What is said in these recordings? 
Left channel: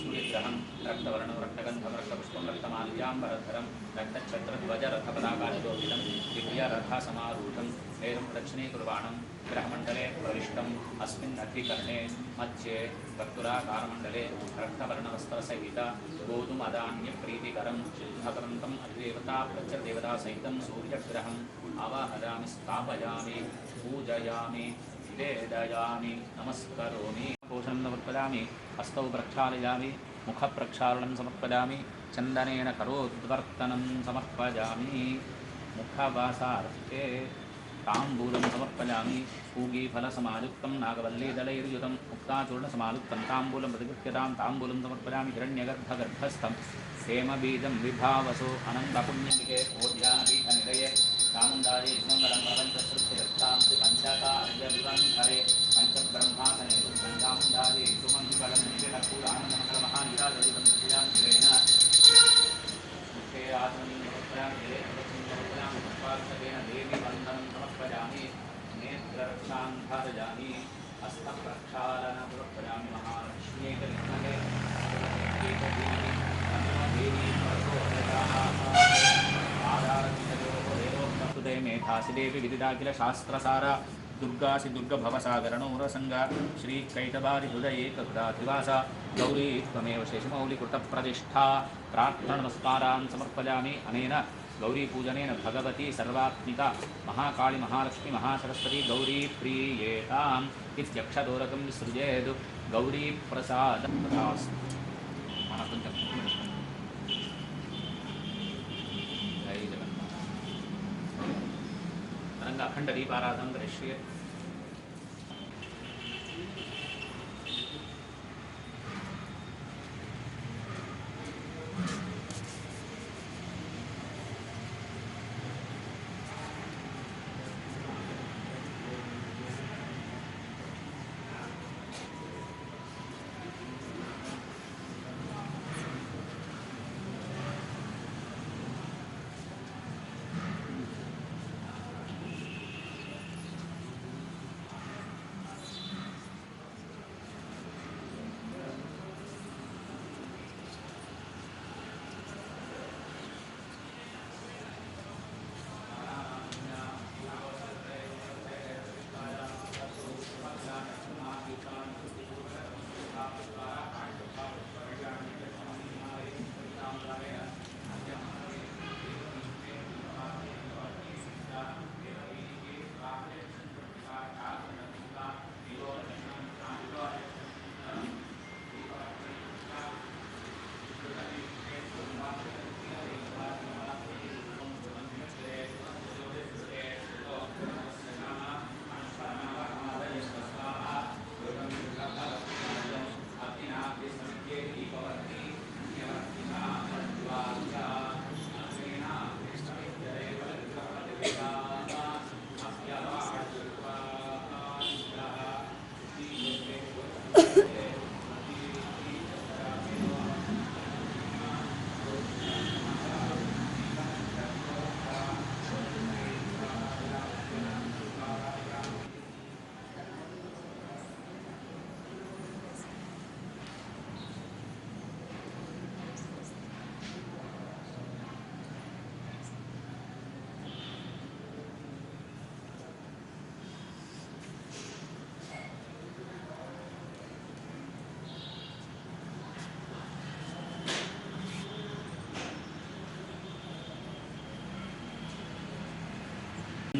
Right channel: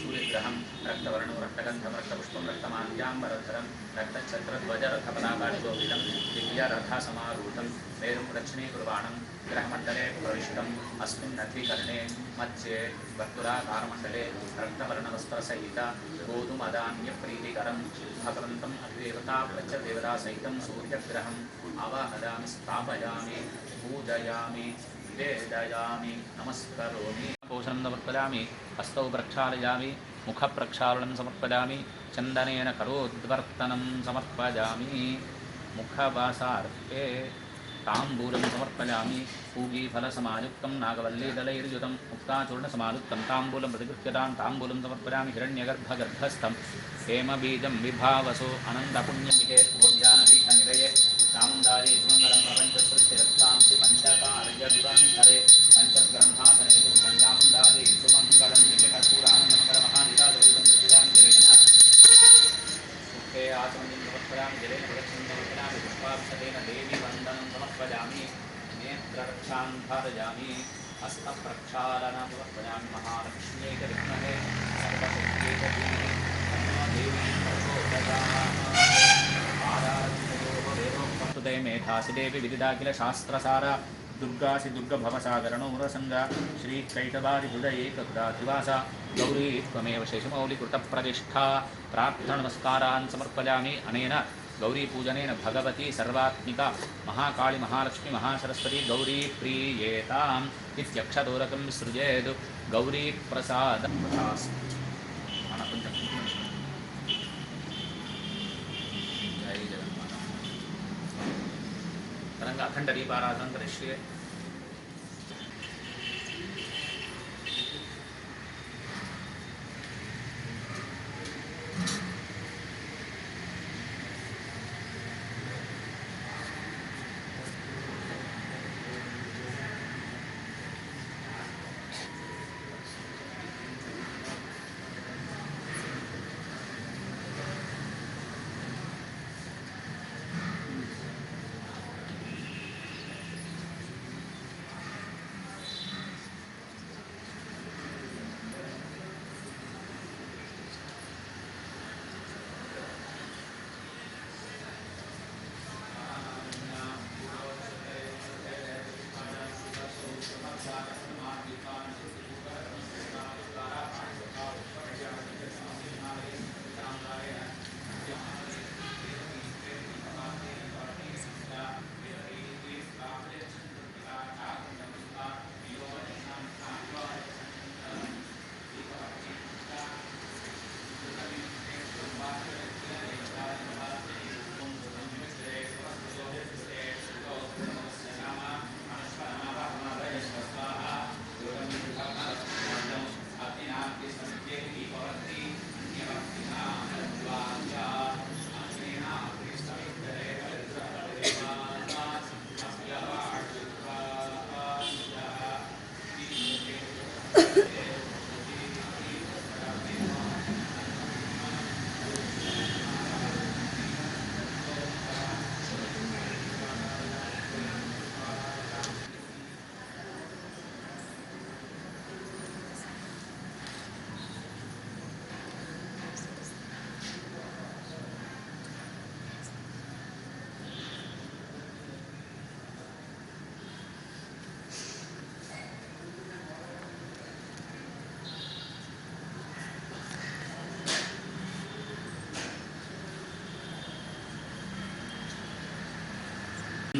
सूर्यग्रहं रक्तवर्णं रक्तगन्धं रक्तपुष्पं रक्तमाल्याम्बरधरं रक्तच्छत्रध्वजरथपदाकाशोभितं दिव्यरथसमारूढं मेरुं दक्षिणे कुर्वाणं ग्रहमण्डले प्रविष्टम् अस्मिन्नद्विकर्णे मध्ये वर्तुलाकारमण्डले रक्तवर्णवस्त्रसहित गोधूमधान्यप्रीतिकरं भगवन्तम् अधिदेवता प्रत्यदेवतासहितं सूर्यग्रहम् आवाहयामि स्थापयामि पूजयामि वेदयामि नमस्करोमि पोषणं समर्पयामि हस्तौ प्रक्षालयामि मुखप्रक्षालनं समर्पयामि चन्दनेन करोद्वर्तनं समर्पयामि मुखवासार्थे ताम्बूलं समर्पयामि पूगीफलसमायुक्तं नागवल्लीदलैर्युतं मुक्ताचूर्णसमायुक्तं ताम्बूलं प्रतिगृह्यतां ताम्बूलं समर्पयामि हिरण्यगर्भगर्भस्थं हेमबीजं विभावसो अनन्तपुण्यमिके ओध्यानपीठनिलये चामुण्डायै सुमङ्गलं प्रपञ्चसृष्टिरक्तांसि पञ्चकार्यविवङ्करे पञ्चब्रह्मासने चामुण्डायै सुमङ्गलं निजकर्पूरानन्दमकरमहानिराजरूपं श्रीरामजलेन मुखे आसमनीं समर्पयामि जले प्रदक्षिणं समर्पयामि पुष्पार्चनेन देवी वन्दनं समर्पयामि नेत्ररक्षां धारयामि हस्तप्रक्षालनं समर्पयामि महालक्ष्म्यै च विद्महे सर्वशक्त्यै च धीमहि देवी प्रचोदयात् मेधासि देवी विदिदाखिल शास्त्रसारा दुर्गासि दुर्गभवसागरणोरसंगा श्रीकैटबारिहृदये ककुटा त्रिवासा गौरी त्वमेव शेषमौलिकृतप्रतिष्ठा प्रार्थनमस्कारान् समर्पयामि अनेन गौरीपूजनेन भगवती सर्वात्मिका महाकाली महालक्ष्मी महासरस्वती गौरी प्रीयेताम् इत्यक्षदोरकं सृजेद् गौरीप्रसादं अखंड दीपाराधन करिष्ये।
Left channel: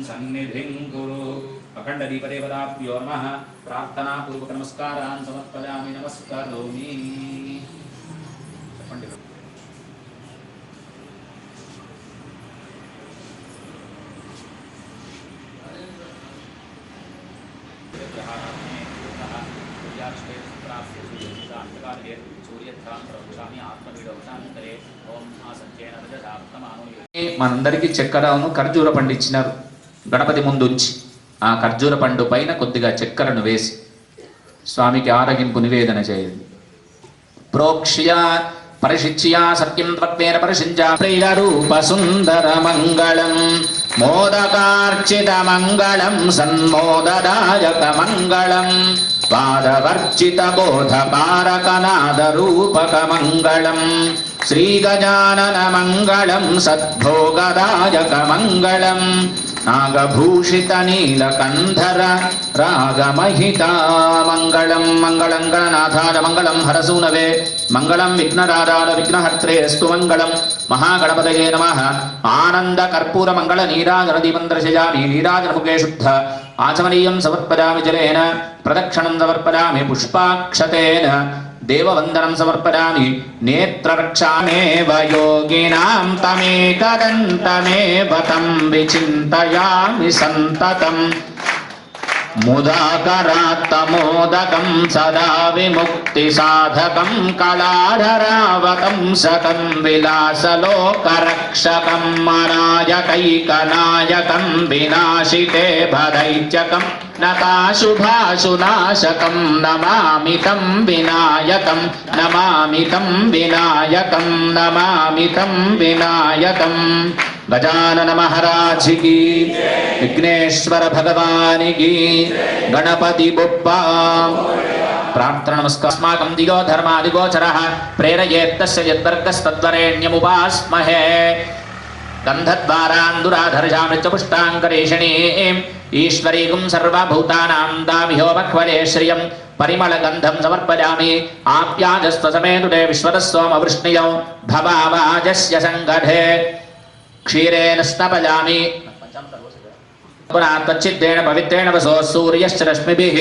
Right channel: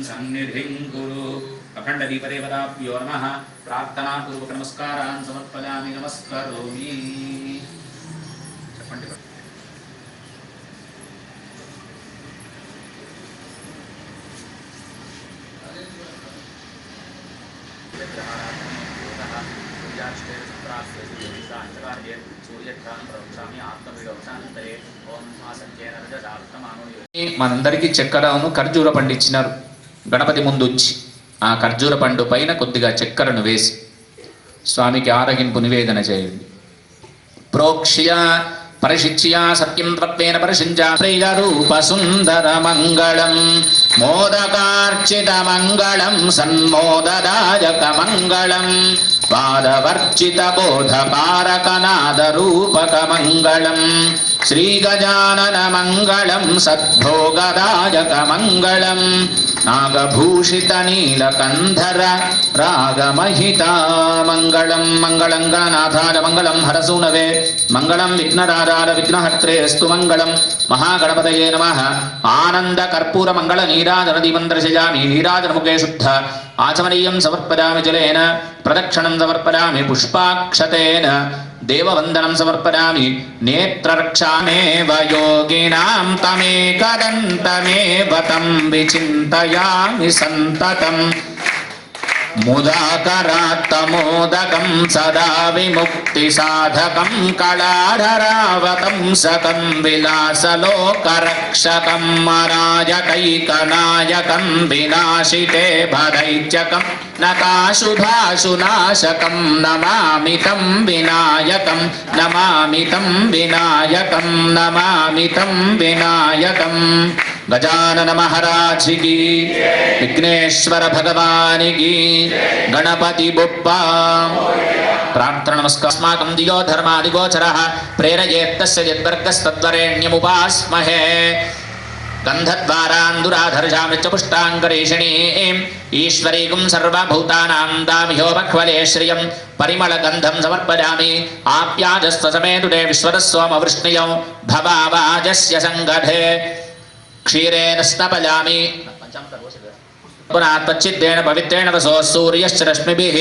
सन्निधिं कुरु अखंड दीपदेवताभ्यो नमः प्रार्थना पूर्वक नमस्कारान् समर्पयामि नमस्करोमि మనందరికీ చక్కెరను ఖర్జూర పండు ఇచ్చినారు గణపతి ముందు ఉంచి ఆ ఖర్జూర పండు పైన కొద్దిగా చక్కెరను వేసి స్వామికి ఆరగింపు నివేదన చేయండి. ప్రోక్ష్య పరిశిచ్య సత్యం తత్వేన పరిశించ ప్రియరూప సుందర మంగళం మోదకార్చిత మంగళం సన్మోదదాయక మంగళం स्वादवर्जितबोधकारकनादरूपकमङ्गलम् श्रीगजाननमङ्गलं सद्भोगदायकमङ्गलम् नागभूषितनीलकन्धर रागमहितामङ्गलं मङ्गलं गणनाथाय मङ्गलं हरसूनवे मङ्गलं विघ्नराजाय विघ्नहर्त्रेऽस्तु मङ्गलं महागणपतये नमः आनन्दकर्पूरमङ्गलनीराजनदीपं दर्शयामि नीराजनमुखे शुद्ध आचमनीयं समर्पयामि जलेन प्रदक्षिणं समर्पयामि पुष्पाक्षतेन देववन्दनं समर्पयामि नेत्ररक्षामेव योगिनां तमेकदन्तमेव तं विचिन्तयामि सन्ततम् मुदाकरात्तमोदकं सदा विमुक्तिसाधकं कलाधरावतं सकं विलासलोकरक्षकं मराजकैकनायकं विनाशिते भदैत्यकं नकाशुभाशुनाशकं नमामि तं विनायकं नमामि तं विनायकं नमामि तं विनायकं गजानन महाराज की विघ्नेश्वर भगवान की गणपति बुप्पा प्रार्थना नमस्कार अस्माकं दियो धर्मादिगोचरः प्रेरयेत्तस्य यद्वर्गस्तद्वरेण्यमुपास्महे गन्धद्वारान्दुराधर्जामि च पुष्टाङ्गरेषणीम् ईश्वरीगुं सर्वभूतानां दामिहोपह्वले श्रियं परिमलगन्धं समर्पयामि आप्याजस्त्वसमेतुरे विश्वतस्सोमवृष्णियो भवावाजस्य सङ्गधे क्षीरेण स्नपयामि पुरात्तच्चिद्देन पवित्रेण वसो सूर्यश्च रश्मिभिः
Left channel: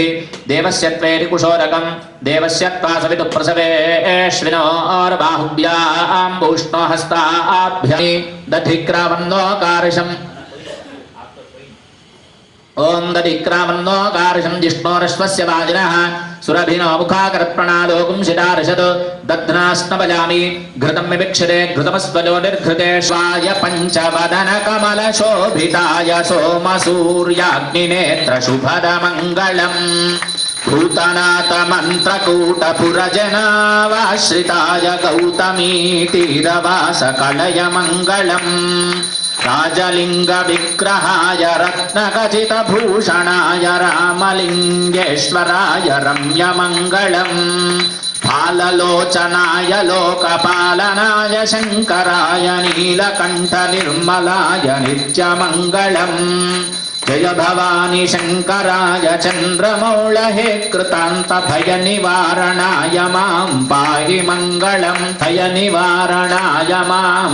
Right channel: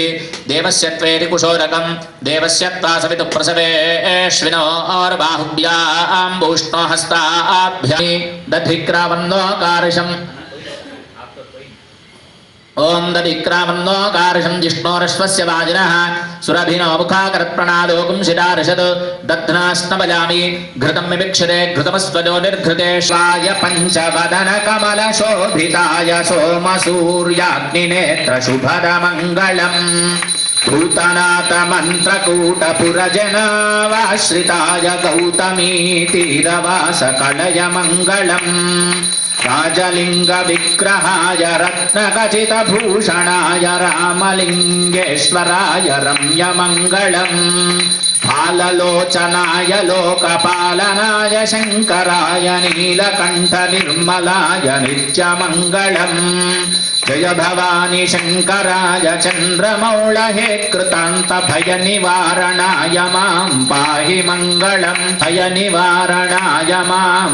देवस्य त्वेति कुशोरकं देवस्य त्वा सवितुः प्रसवेश्विनोर्बाहुभ्यां हस्ताभ्यां दधिक्रावन्नोकारशम् ओम दधिक्रावन्नोकारशं जिष्णोरश्वस्य वाजिनः सुरभिनो मुखाकरत्प्रणालोकं शिरारशद दध्नास्नपयामि घृतं विविक्षते घृतमस्त्वजो निर्घृतेश्वाय पञ्चवदनकमलशोभिताय सोमसूर्याग्निनेत्रशुभदमङ्गलम् भूतनाथमन्त्रकूटपुरजनावाश्रिताय गौतमीतीरवासकलयमङ्गलम् राजलिङ्गविग्रहाय रत्नखचितभूषणाय रामलिङ्गेश्वराय रम्यमङ्गलम् फाललोचनाय लोकपालनाय शङ्कराय नीलकण्ठनिर्मलाय नित्यमङ्गलम् जय भवानी शङ्कराय चन्द्रमौळहे कृतान्तभयनिवारणाय मां पाहि मङ्गलं भयनिवारणाय मां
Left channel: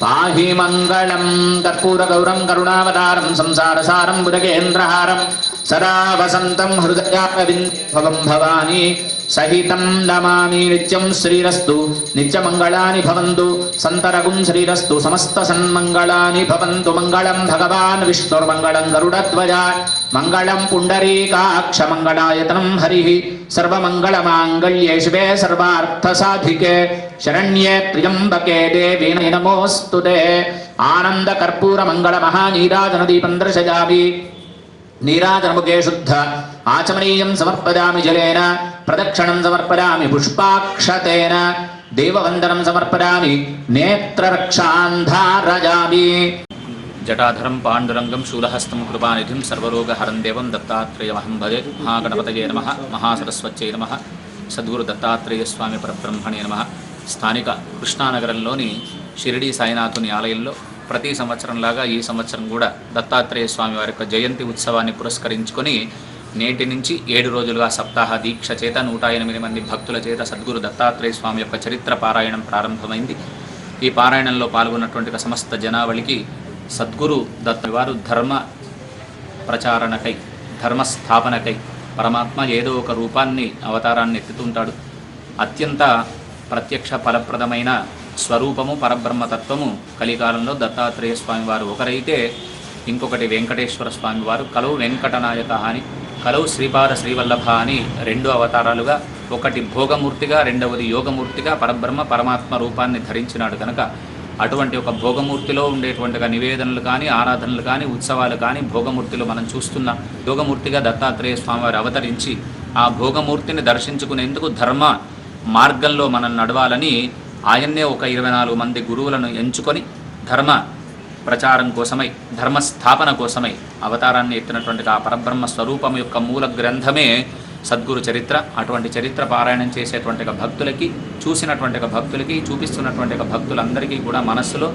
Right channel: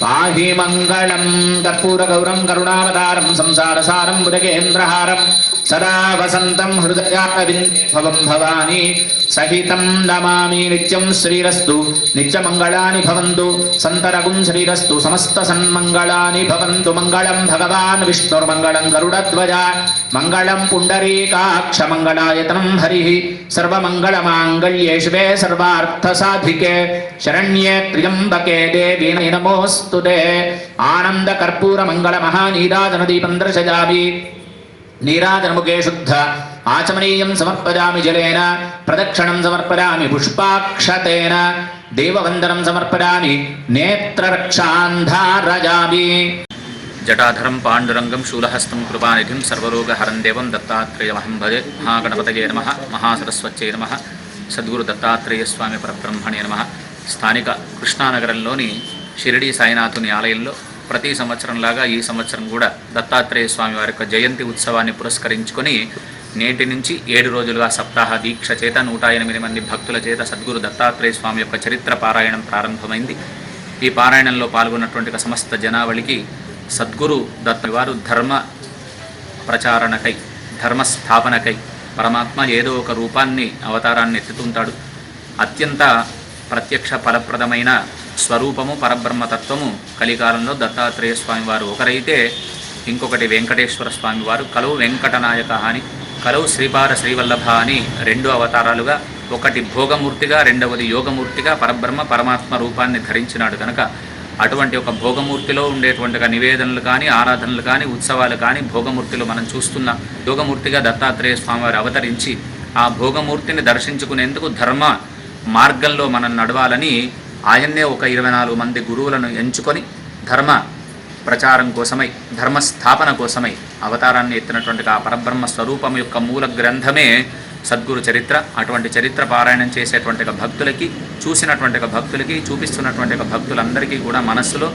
पाहि मङ्गलं कर्पूरगौरं करुणावतारं संसारसारं भुजगेन्द्रहारं सदा वसन्तं हृदयारविन्दं भवानी सहितं नमामि नित्यं श्रीरस्तु नित्यमङ्गलानि भवन्तु सन्तरगुं श्रीरस्तु समस्तसन्मङ्गलानि भवन्तु मङ्गलं भगवान् विष्णुर्मङ्गलं गरुडध्वजा मङ्गलं पुण्डरीकाक्षमङ्गलायतनं हरिः सर्वमङ्गलमाङ्गल्ये शिवे सर्वार्थसाधिके शरण्ये त्र्यम्बके देवी नमोऽस्तुते आनन्दकर्पूरमङ्गलमहानीराजनदीपं दर्शयामि नीराजनमुखे शुद्ध आचमनीयं समर्पयामि जलेन प्रदक्षिणं समर्पयामि पुष्पाक्षतेन देववन्दनं समर्पयामि नेत्ररक्षां धारयामि जटाधरं पाण्डुरंगं शूलहस्तं कृपानिधिं सर्वरोगहरं देवं दत्तात्रेयमहं भजे महागणपतये नमः महासरस्वत्यै नमः सद्गुरु दत्तात्रेय स्वामी परब्रह्मणे नमः స్థానిక కృష్ణానగరంలోని షిరిడి సాయినాథుని ఆలయంలో ప్రతి సంవత్సరంలాగా ఈ సంవత్సరం కూడా దత్తాత్రేయ స్వామి వారి యొక్క జయంతి ఉత్సవాన్ని పురస్కరించుకొని నేటి నుంచి 7 రోజులుగా సప్తాహ దీక్ష చేత 108 మంది భక్తుల చేత సద్గురు దత్తాత్రేయ స్వామి యొక్క చరిత్ర పారాయణం ప్రారంభమైంది. ఈ పారాయణంలో పాల్గొన్నటువంటి సమస్త జనావళికి సద్గురు దత్త వారు ధర్మ ప్రచారణకై ధర్మ స్థాపనకై పరమాత్మ ఏదో ఒక రూపాన్ని అవతారాన్ని ఎత్తుతుంటాడు. అత్యంత ప్రత్యక్ష ఫలప్రదమైన స్వరూపము పరబ్రహ్మతత్వము కలికాలంలో దత్తాత్రేయ స్వామి వారు ఒకరైతే ఇంకొకటి వెంకటేశ్వర స్వామి వారు కలవు వెంకటనాయక అని కలవు శ్రీపాద శ్రీవల్లభ అని 2 అవతారాలుగా ఒకటి భోగమూర్తిగా రెండవది యోగమూర్తిగా పరబ్రహ్మ పరమాత్మ రూపాన్ని ధరించినాడు కనుక అటువంటి ఒక భోగమూర్తిలో ఉండేటువంటి నివేదనలు కానీ ఆరాధనలు కానీ ఉత్సవాలు కానీ భోగమూర్తిలో మనం చూస్తున్న యోగమూర్తిగా దత్తాత్రేయ స్వామి వారు అవతరించి ఆ భోగమూర్తిని దర్శించుకునేందుకు ధర్మ మార్గంలో మనం నడవాలని ఆయన్నే ఒక 24 మంది గురువులను ఎంచుకొని ధర్మ ప్రచారం కోసమై ధర్మ స్థాపన కోసమై అవతారాన్ని ఎత్తినటువంటి ఆ పరబ్రహ్మ స్వరూపం యొక్క మూల గ్రంథమే సద్గురు చరిత్ర. అటువంటి చరిత్ర పారాయణం చేసేటువంటి భక్తులకి, చూసినటువంటి భక్తులకి, చూపిస్తున్నటువంటి భక్తులందరికీ కూడా మనస్సులో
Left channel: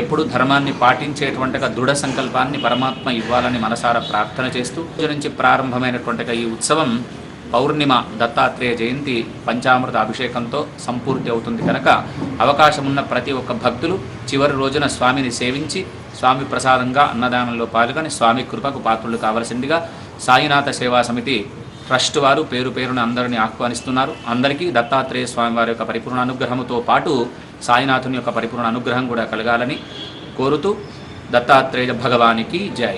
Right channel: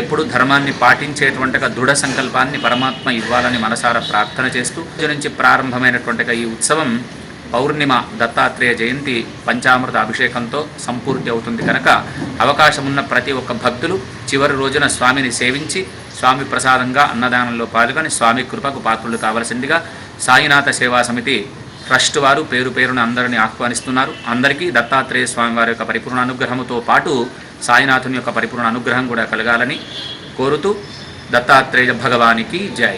ఎప్పుడు ధర్మాన్ని పాటించేటువంటి దృఢ సంకల్పాన్ని పరమాత్మ ఇవ్వాలని మనసారా ప్రార్థన చేస్తూ నుంచి ప్రారంభమైనటువంటి ఈ ఉత్సవం పౌర్ణిమ దత్తాత్రేయ జయంతి పంచామృత అభిషేకంతో సంపూర్తి అవుతుంది కనుక అవకాశమున్న ప్రతి ఒక్క భక్తులు చివరి రోజున స్వామిని సేవించి స్వామి ప్రసాదంగా అన్నదానంలో పాల్గొని స్వామి కృపకు పాత్రులు కావలసిందిగా సాయినాథ సేవా సమితి ట్రస్ట్ వారు పేరు పేరున అందరినీ ఆహ్వానిస్తున్నారు. అందరికీ దత్తాత్రేయ స్వామి వారి యొక్క పరిపూర్ణ అనుగ్రహంతో పాటు సాయినాథుని యొక్క పరిపూర్ణ అనుగ్రహం కూడా కలగాలని కోరుతూ దత్తాత్రేయ భగవానికి జై.